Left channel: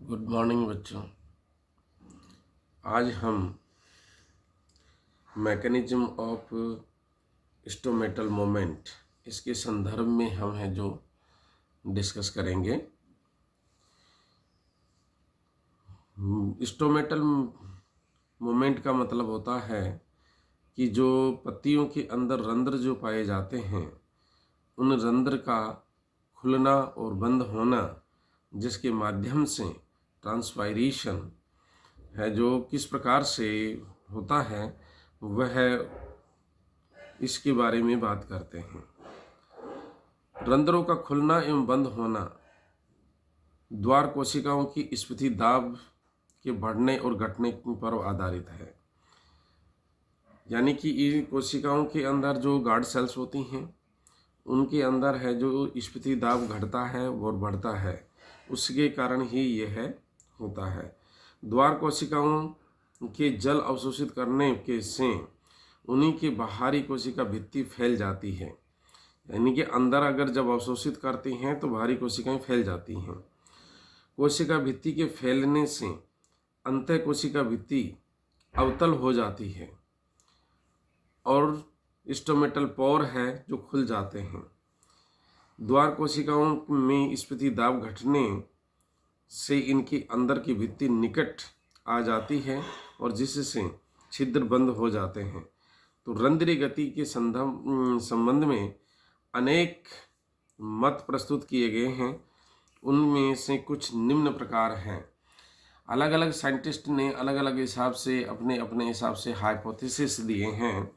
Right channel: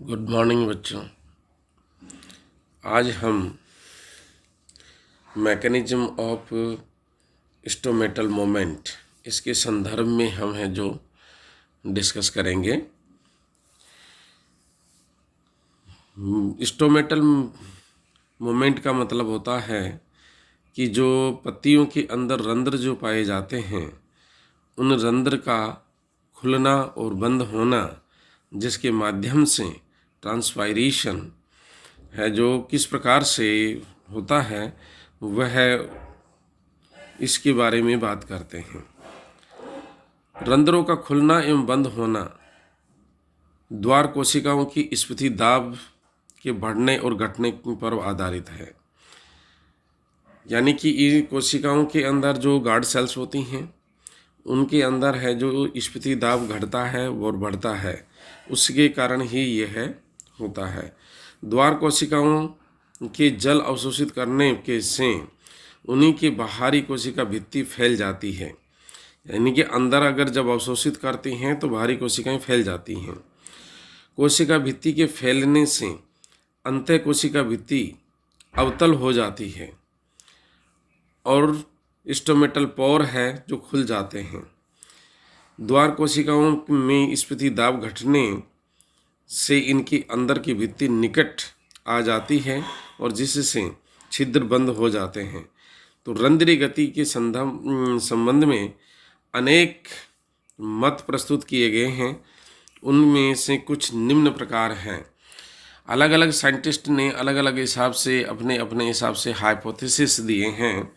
Good morning बच्चों। आज हम मैकेनिज्म ऑफ स्टोमेटल मोमेंट इसके संदर्भ में हम हैं जो डिस्कस करेंगे। स्टोमेटल मोमेंट का मतलब होता है कि जो पत्तियों के अंदर रंध्र जो पाए जाते हैं उन रंध्र का खुलना और बंद होना, जिसके माध्यम से ट्रांसपायरेशन है जो किस प्रकार से होता है, वह इसके बारे में बात करते हैं। रंध्रों का खुलना एवं बंद होना द्वार कोशिकाओं की स्फीति दाब के बढ़ने और घटने पर आधारित है। यानी कि इन कोशिकाओं के अंदर जो गार्ड सेल्स होती हैं उनके अंदर है जो स्फीति दाब घटता है और बढ़ता है, उसके कारण ही यह होता है। द्वार कोशिकाओं के जल अवशोषित करने के से उन्हीं की बाहरी कोशिका भित्ति फैल जाती है। यानी कि अंदर अगर जब अवशोषित करती हैं तो बाहरी कोशिकाएं फैल जाती हैं। कोशिका भित्ति के फैलने से अंतः कोशिका भित्ति अवतल हो जाती है और स्टोमेटल पोर है जो खुल जाते हैं। द्वार कोशिकाओं में स्फीति दाब घटने से इनकी अंदर की भित्ति निकट आ जाती है और जिससे छिद्र बंद हो जाते हैं। तो रंध्रीय गति के संबंध में अनेक मत प्रस्तुत किए गए हैं। उनमें से कुछ निम्न प्रकार हैं। अलग अलग साइंटिस्ट ने अलग अलग हिसाब से अपने अपने हिसाब से हाइपोथेसिस दिए हैं।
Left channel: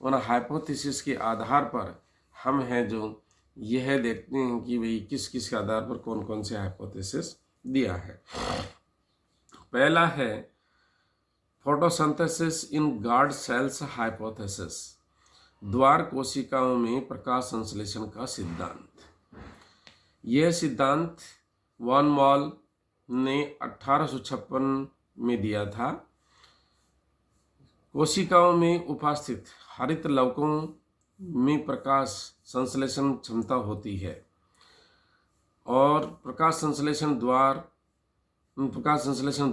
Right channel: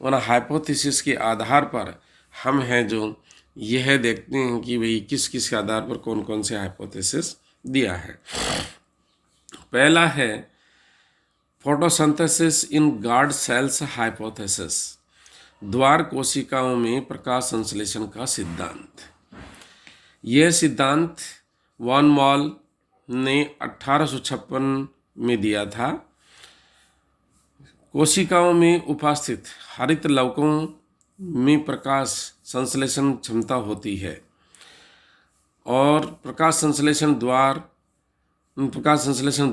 उन हाइपोथेसिस के आधार पर हम हैं जो यह देखते हैं कि भाई किस किस के आधार पर कौन कौन से हाइपोथेसिस दिया है। पहला है photosynthesis in guard cells hypothesis, द्वार कोशिकाओं में प्रकाश संश्लेषण का सिद्धांत। यह सिद्धांत वॉन मॉल ने 1856 में दिया था। कोशिकाओं में उपस्थित हरित लवकों में प्रकाश संश्लेषण क्षमता होती है और प्रकाश संश्लेषण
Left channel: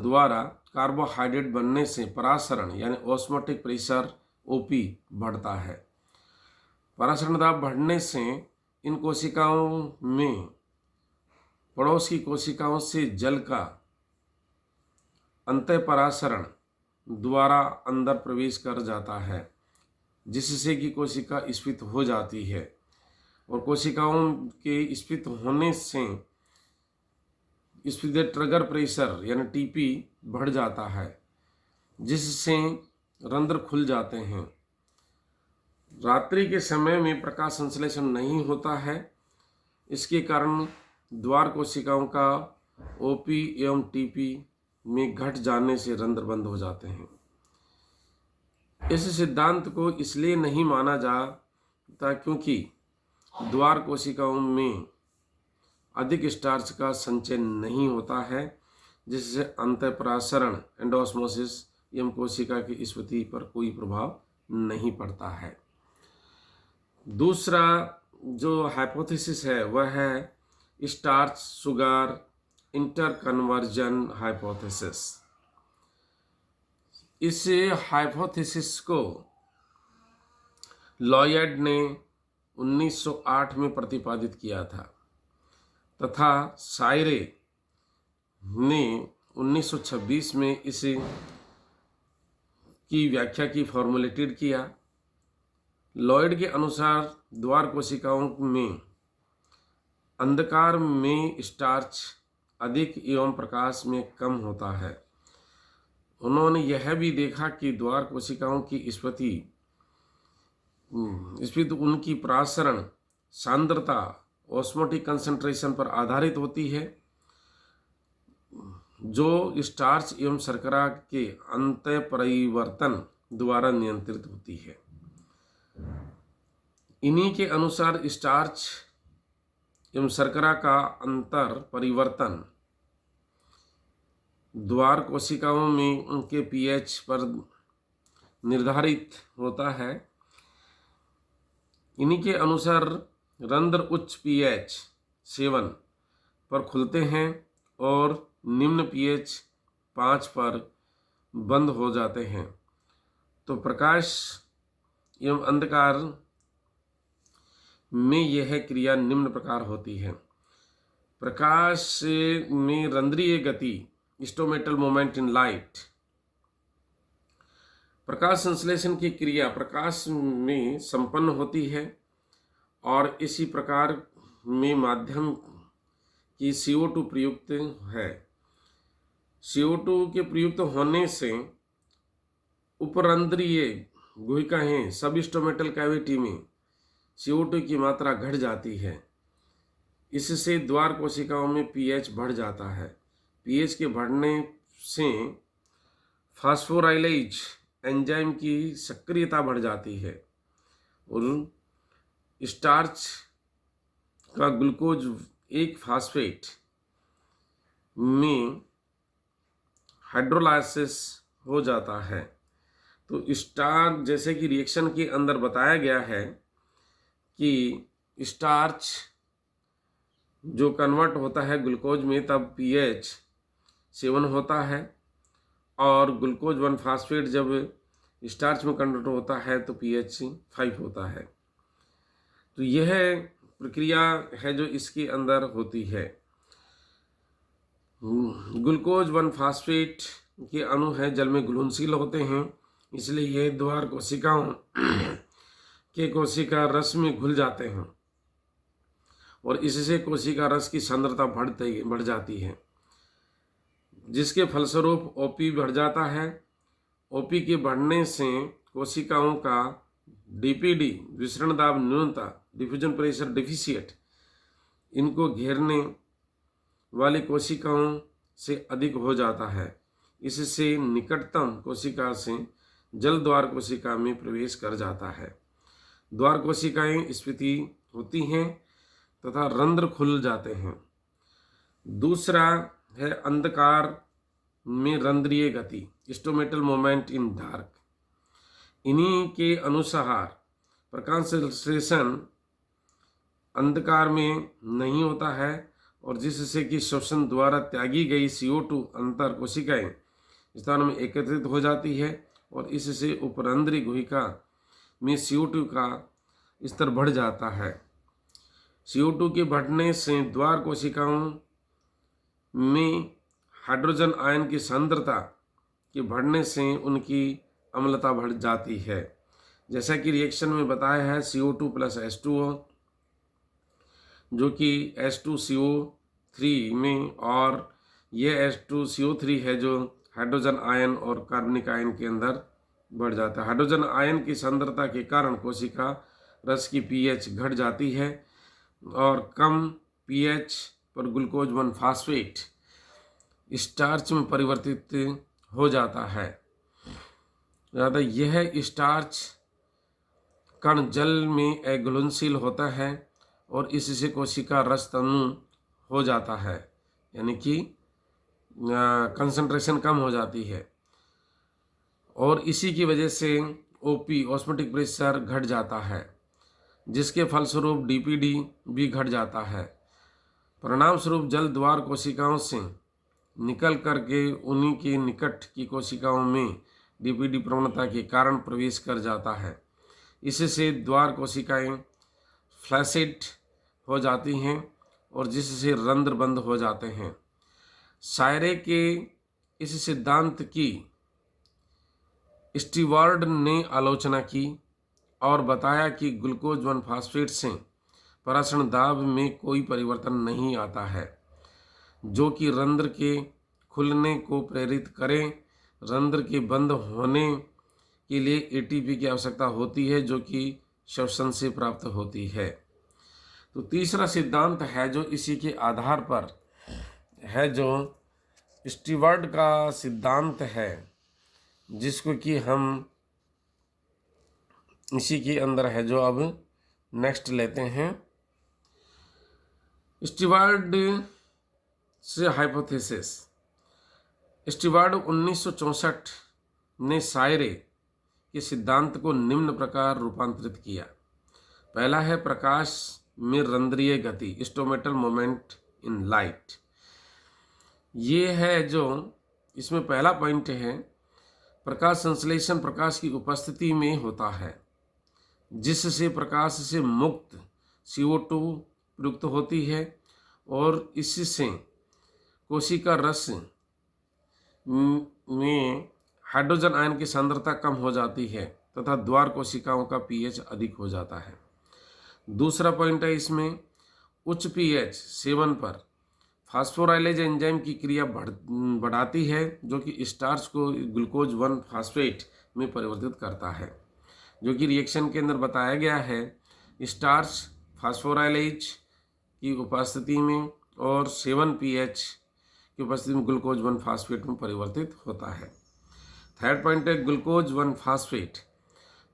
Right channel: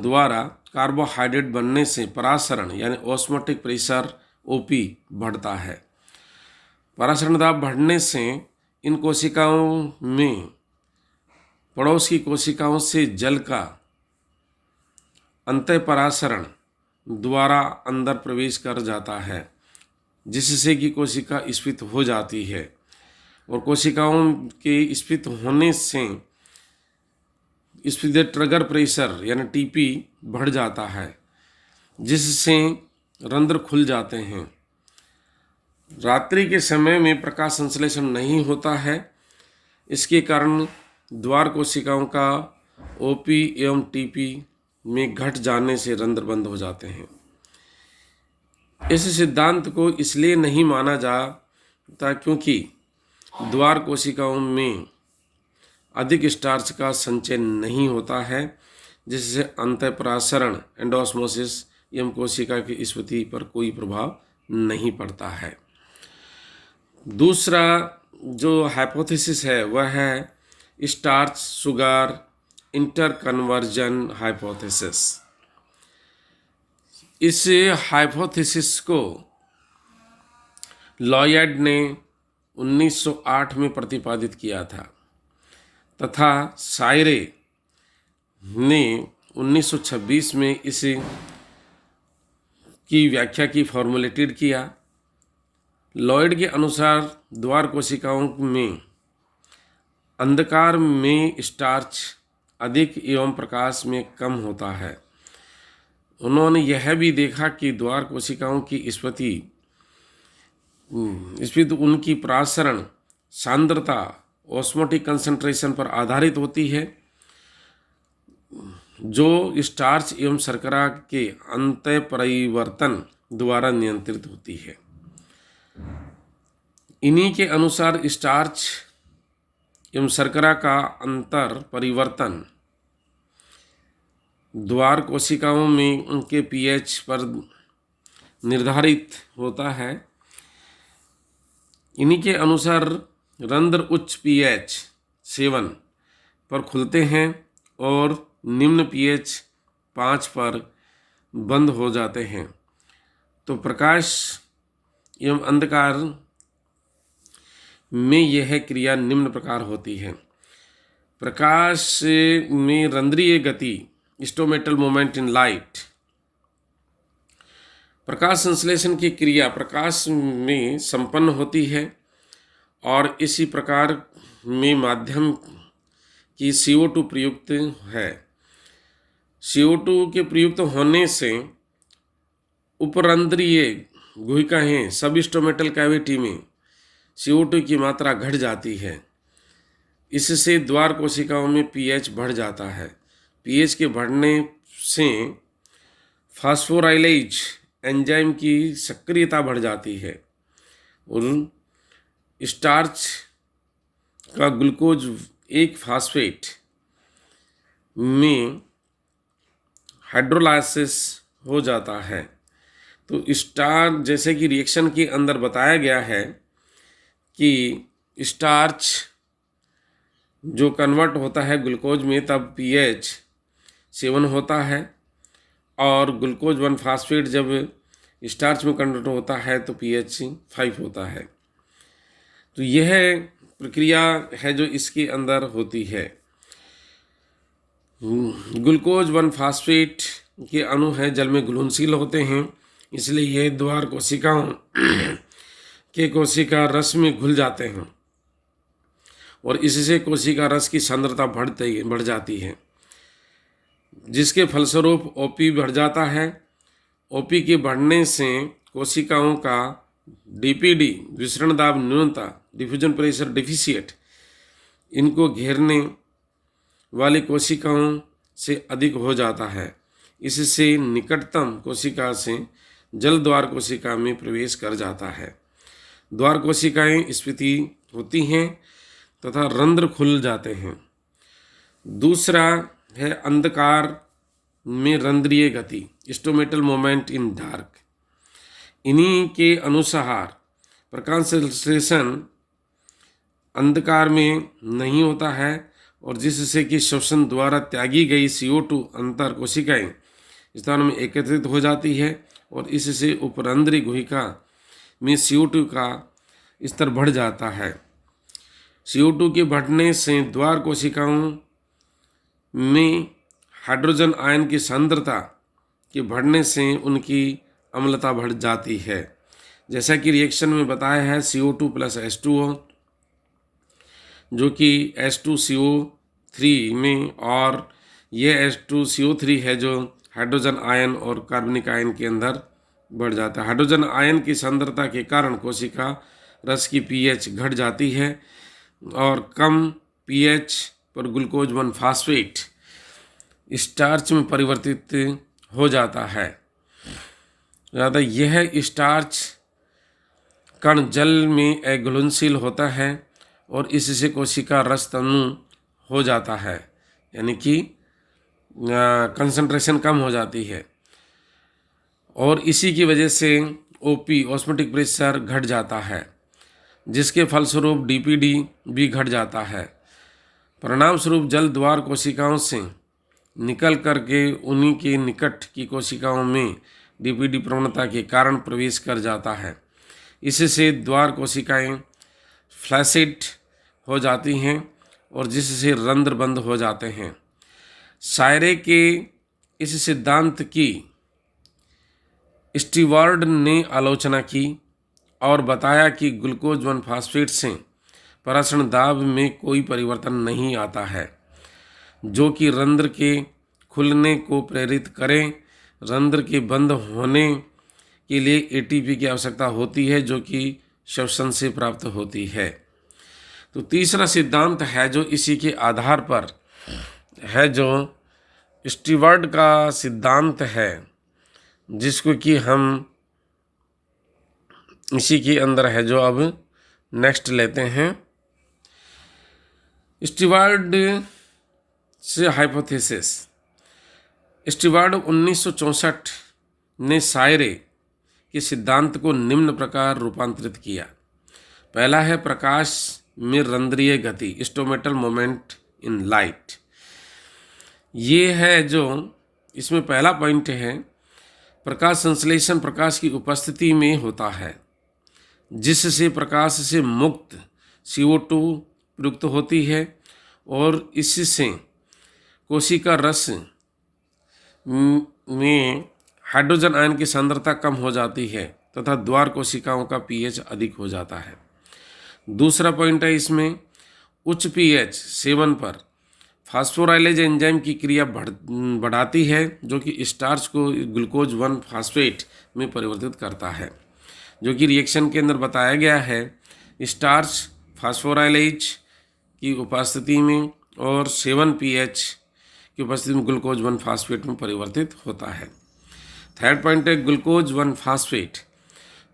द्वारा कार्बोहाइड्रेट बनने से परासरण यानी ऑस्मोटिक प्रेशर ओपी बढ़ता है। परासरण दाब बढ़ने से इन कोशिकाओं में पड़ोस की कोशिकाओं से जल का अंतःपरासरण द्वारा अंदर प्रवेश कर जाता है, जिससे कि कोशिका स्फीत हो जाती है और कोशिकाओं के स्फीत होने से स्फीत ट्रिगर प्रेशर यानी टीपी बढ़ जाता है, जिससे रंध्र खुल जाते हैं। रात्रि के समय में प्रकाश संश्लेषण नहीं होता है, इसके कारण द्वार कोशिकाओं का ओपी एवं टीपी में घट जाने से रंध्र बंद हो जाते हैं। इस सिद्धांत को इसलिए नहीं माना जाता क्योंकि द्वार कोशिकाओं में अधिक स्टार्च का संचय नहीं होता है, जिससे अंतःपरासरण एंडोस्मोसिस एवं कोशिका की स्फीति पर कोई प्रभाव नहीं पड़ता है। दूसरा जो हाइपोथेसिस है वह है स्टार्च शुगर इंटरकन्वर्जन हाइपोथेसिस। इस हाइपोथेसिस को लॉयड ने 1908 में प्रतिपादित किया था तथा सायरे ने 1926 में इसे की व्याख्या की फॉर्मुलेटेड किया। लॉयड के अनुसार द्वार कोशिकाओं में अंधकार में स्टार्च अधिक एवं प्रकाश में कम होता है। उन्होंने यह भी देखा कि द्वार कोशिकाओं की स्फीति उनकी परासरण सांद्रता ऑस्मोटिक कंसंट्रेशन पर आधारित होती है, जो स्टार्च एवं शर्करा के अंतः परिवर्तन द्वारा नियंत्रित होती है। इन्हीं के अनुसार स्टार्च एवं शर्करा का अंतर परिवर्तन द्वार कोशिकाओं में उनके पीएच पर निर्धारित होता है। इन्हीं के अनुसार रंध्र उच्च पीएच 7 पर खुलते हैं और निम्न pH 5 पर बंद हो जाते हैं। तो प्रकाश एवं अंधकार में यह क्रिया निम्न प्रकार होती है। प्रकाश में रंध्रीय गति, स्टोमेटल मोमेंट इन लाइट। प्रकाश संश्लेषण की क्रिया प्रकाश में संपन्न होती है और इसी प्रकार में माध्यम की CO2 प्रयुक्त है। CO2 के प्रयुक्त होने से उपरंध्रीय गुहिकाएं सब स्टोमेटल कैविटी में CO2 की मात्रा घट जाती है। इससे द्वार कोशिकाओं में pH बढ़ जाता है। pH के बढ़ने से फास्फोराइलेज एंजाइम की सक्रियता बढ़ जाती है और स्टार्च का ग्लूकोज 1 फास्फेट में हाइड्रोलाइसिस हो जाता है। तो स्टार्च, जैसे कि रिएक्शन के अंदर बताया गया है कि स्टार्च जो कन्वर्ट होता है ग्लूकोज में, तब pH 7 होता है और ग्लूकोज 1 फास्फेट जब स्टार्च में कन्वर्ट होता है तो pH 5 होता है। तो यह प्रक्रिया है जो इसके अंदर होती है। ग्लूकोज 1 फास्फेट के अणु हैं जल में घुलनशील होते हैं, इसलिए ये द्वार कोशिकाओं के कोशिका रस में घुल जाते हैं और इससे कोशिका रस की सांद्रता बढ़ जाती है, जिसके फलस्वरूप OP बढ़ जाता है। OP के बढ़ने से कोशिकाओं का DPD, विसरण दाब न्यूनता, डिफ्यूजन प्रेशर डिफिशिएट, इनको घेरने वाली कोशिकाओं से अधिक हो जाता है। इससे निकटतम कोशिका से जल द्वार कोशिका में प्रवेश कर जाता है। द्वार कोशिकाएं स्फीति होती हैं तथा रंध्र खुल जाते हैं। दूसरा है अंधकार में रंध्रीय गति, स्टोमेटल मोमेंट इन डार्क। इन्हीं के अनुसार प्रकाश संश्लेषण अंधकार में नहीं होता है और जिससे कि श्वसन द्वारा त्यागी गई CO2 अंतर कोशिकाएं स्थानों में एकत्रित हो जाती है और इससे उपरंध्रीय गुहिका में CO2 का स्तर बढ़ जाता है। CO2 के बढ़ने से द्वार कोशिकाओं में हाइड्रोजन आयन की सांद्रता के बढ़ने से उनकी अम्लता बढ़ जाती है। जैसा कि रिएक्शन में बताया है, CO2 प्लस H2O जो कि H2CO3 में, और ये H2CO3 है जो हाइड्रोजन आयन और कार्बनिक आयन के अंदर बढ़ जाता है। हाइड्रोजन आयन की सांद्रता के कारण कोशिका रस की pH घट जाती है और कम pH पर ग्लूकोज 1 फास्फेट स्टार्च में परिवर्तित हो जाता है। ज़्यादा यह स्टार्च कण जल में अघुलनशील होता है और इससे कोशिका रस तनु हो जाता है, यानी कि कंसंट्रेशन कम हो जाती है और इसी की वजह से OP, ऑस्मोटिक प्रेशर घट जाता है, जिसके फलस्वरूप DPD भी घट जाता है। परिणाम स्वरूप जल द्वार कोशिकाओं से निकल करके उन्हीं के निकट की कोशिकाओं में DPD प्रवणता के कारण प्रवेश कर जाता है। इससे द्वार कोशिकाएं फ्लैसिड हो जाती हैं और जिससे रंध्र बंद हो जाते हैं। सायरे के इस सिद्धांत की स्टीवार्ड ने आलोचना की और बताया कि ग्लूकोज 1 फास्फेट से परासरण दाब में कोई परिवर्तन नहीं आता है, जो कि रंध्र के खुलने को प्रेरित करें। रंध्र के बंद होने के लिए ATP की आवश्यकता होती है, जो कि श्वसन से प्राप्त होती है। तो तीसरा सिद्धांत है जो इसी के आधार पर है, जो स्टीवर्ड का सिद्धांत है, जिसको कि हम इसी के अंदर है जो अब नेक्स्ट लेते हैं। स्टीवर्ड से हाइपोथेसिस। स्टीवर्ड 1964 ने सायरे के सिद्धांत को निम्न प्रकार रूपांतरित किया। पहला है प्रकाश में रंध्रीय गति, स्टोमेटल मोमेंट इन लाइट। ये है जो इसमें पहला पॉइंट है, प्रकाश संश्लेषण प्रकाश की उपस्थिति में होता है, जिससे प्रकाश से मुक्त CO2 प्रयुक्त होती है और इससे कोशिका रस में हाइड्रोजन आयन की सांद्रता कम हो जाती है तथा द्वार कोशिकाओं का pH अधिक हो जाता है। दूसरा पॉइंट है इसमें, उच्च pH सेवन पर फास्फोराइलेज एंजाइम की क्रिया बढ़ाती है, जो कि स्टार्च को ग्लूकोज 1 फास्फेट में परिवर्तित करता है, जो कि रिएक्शन के अंदर बताया गया है। स्टार्च फास्फोराइलेज की उपस्थिति में और 7 pH की उपस्थिति में ग्लूकोज 1 फास्फेट में परिवर्तित होता है। थर्ड पॉइंट है, ग्लूकोज 1 फास्फेट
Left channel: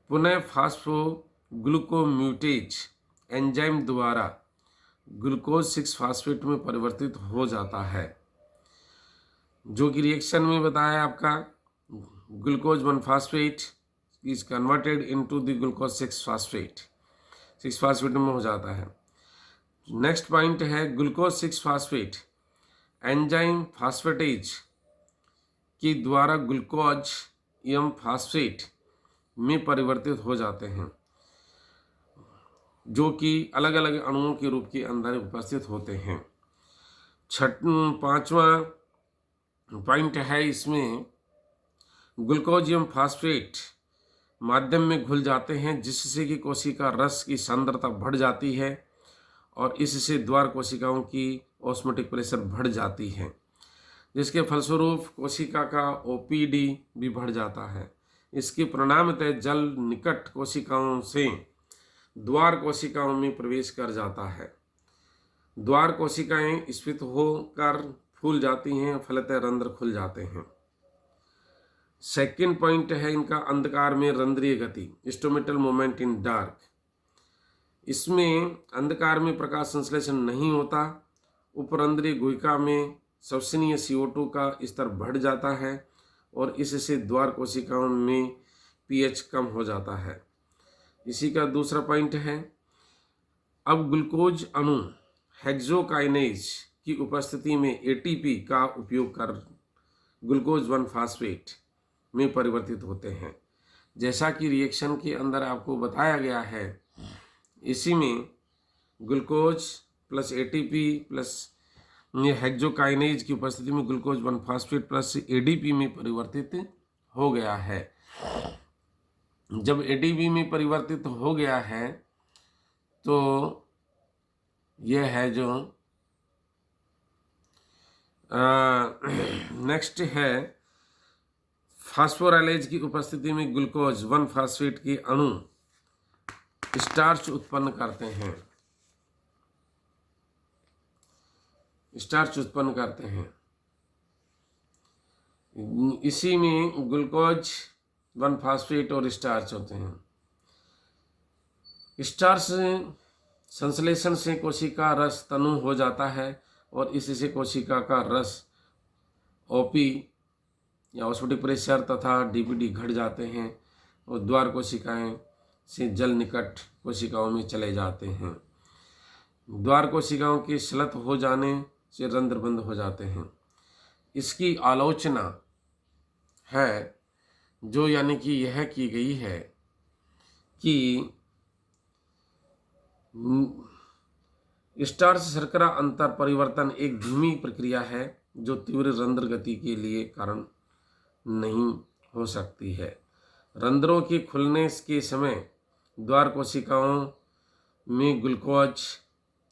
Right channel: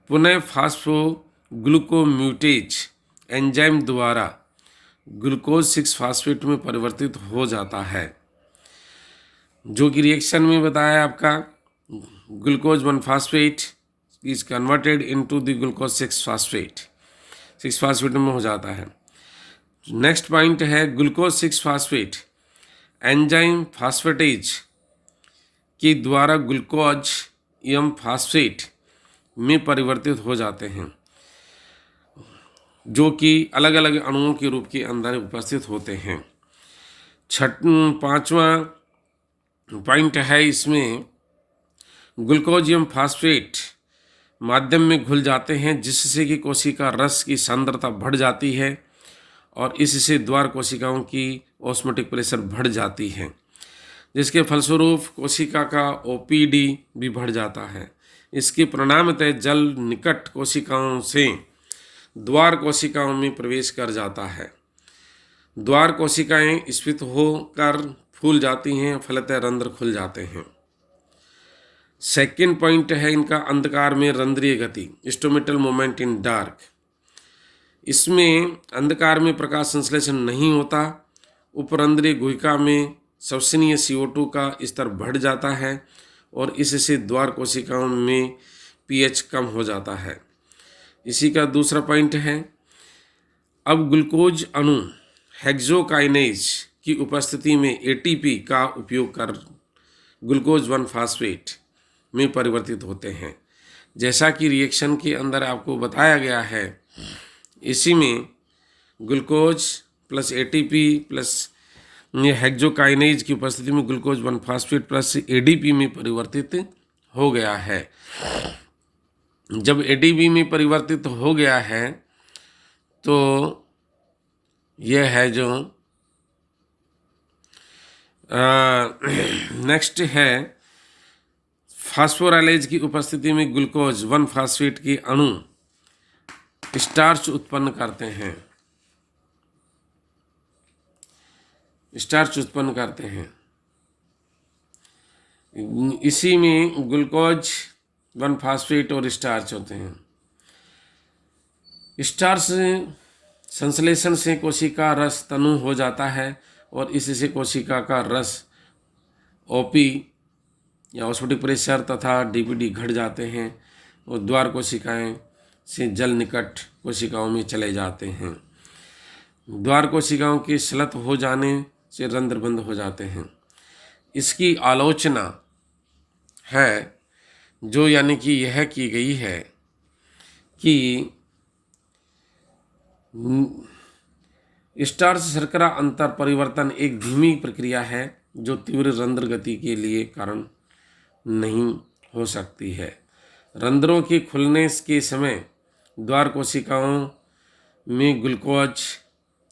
पुनः फास्फोग्लूकोम्यूटेज एंजाइम द्वारा ग्लूकोज 6 फास्फेट में परिवर्तित हो जाता है, जो कि रिएक्शन में बताया आपका glucose 1 phosphate is converted into the glucose 6 phosphate, 6 phosphate में हो जाता है। नेक्स्ट पॉइंट है, ग्लूकोज 6 फास्फेट एंजाइम फास्फेटेज के द्वारा ग्लूकोज एम फास्फेट में परिवर्तित हो जाते हैं, जो कि अलग अलग अणुओं के रूप के अंदर उपस्थित होते हैं। पांचवा पॉइंट है इसमें, ग्लूकोज एम फास्फेट माध्यम में घुल जाते हैं, जिससे कि कोशिका रस की सांद्रता बढ़ जाती है और इससे द्वार कोशिकाओं की ऑस्मोटिक प्रेशर बढ़ जाती है, जिसके फलस्वरूप कोशिका का OPD भी बढ़ जाता है। इसके परिणामतः जल निकट कोशिकाओं से द्वार कोशिकाओं में प्रवेश कर जाता है। द्वार कोशिकाएं स्फीत होकर फूल जाती हैं, फलतः रंध्र खुल जाते हैं। सेकेंड पॉइंट है इनका, अंधकार में रंध्रीय गति, स्टोमेटल मोमेंट इन डार्क। इसमें अंधकार में प्रकाश संश्लेषण नहीं होता, उपरंध्रीय गुहिका में श्वसनीय CO2 का स्तर बढ़ जाता है और इससे द्वार कोशिकाओं में pH कम हो जाता है। इसी का दूसरा पॉइंट है, अब ग्लूकोज अणु हेक्सोकाइनेज की उपस्थिति में ATP का उपयोग कर ग्लूकोज 1 फास्फेट में परिवर्तित होते हैं। जैसा कि रिएक्शन के अंदर आपको बताया गया है, इसी में glucose plus ATP plus hexokinase की उपस्थिति में ग्लूकोज 1 फास्फेट प्लस ADP में परिवर्तित हो गया है। जब ADP में परिवर्तित हो गया है तो यह है जो नेक्स्ट है, फास्फोराइलेज की उपस्थिति में ग्लूकोज 1 फास्फेट के अणु स्टार्च उत्पन्न करते हैं, स्टार्च उत्पन्न करते हैं। इसी में ग्लूकोज 1 फास्फेट और स्टार्च होते हैं। स्टार्च संश्लेषण से कोशिका रस तनु हो जाता है और इससे कोशिका का रस OP या ऑस्मोटिक प्रेशर तथा DPD घट जाते हैं और द्वार कोशिकाएं से जल निकट कोशिकाओं में चले जाते हैं। द्वार कोशिकाओं के स्लत हो जाने से रंध्र बंद हो जाते हैं। इसकी आलोचना है जो यानी कि यह की गई है कि स्टार्च शर्करा अंतर परिवर्तन एक धीमी प्रक्रिया है जो तीव्र रंध्र गति के लिए कारण नहीं हो सकती है। रंध्रों के खुलने के समय द्वार कोशिकाओं में ग्लूकोज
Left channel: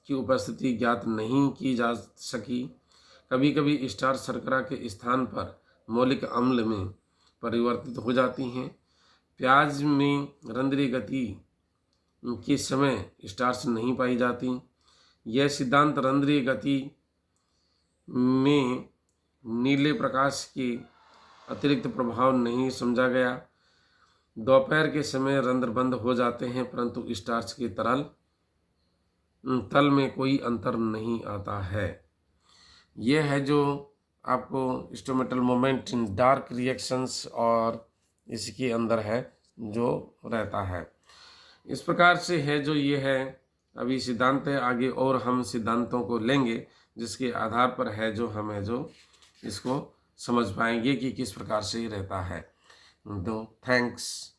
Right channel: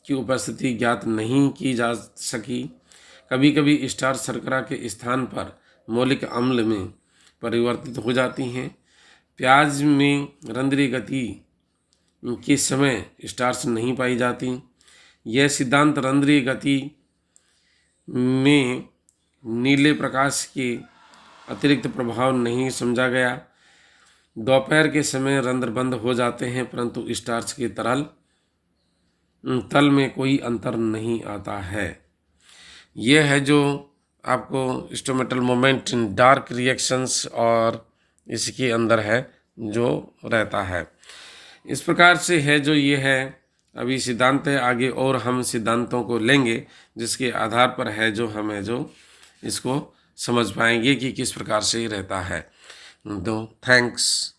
की उपस्थिति ज्ञात नहीं की जा सकी। कभी कभी स्टार्च शर्करा के स्थान पर मौलिक अम्ल में परिवर्तित हो जाती हैं। प्याज में रंध्रीय गति के समय स्टार्च नहीं पाई जाती। यह सिद्धांत रंध्रीय गति में नीले प्रकाश के अतिरिक्त प्रभाव नहीं समझा गया। दोपहर के समय रंध्र बंद हो जाते हैं, परंतु स्टार्च के तल में कोई अंतर नहीं आता है। यह है जो आपको stomatal moment in dark reactions और इसके अंदर है जो रहता है। इस प्रकार से है जो ये है अभी सिद्धांत है। आगे और हम सिद्धांतों को लेंगे जिसके आधार पर है जो हमें जो इसको समझ पाएंगे कि किस प्रकार से ये रहता है। तो थैंक्स।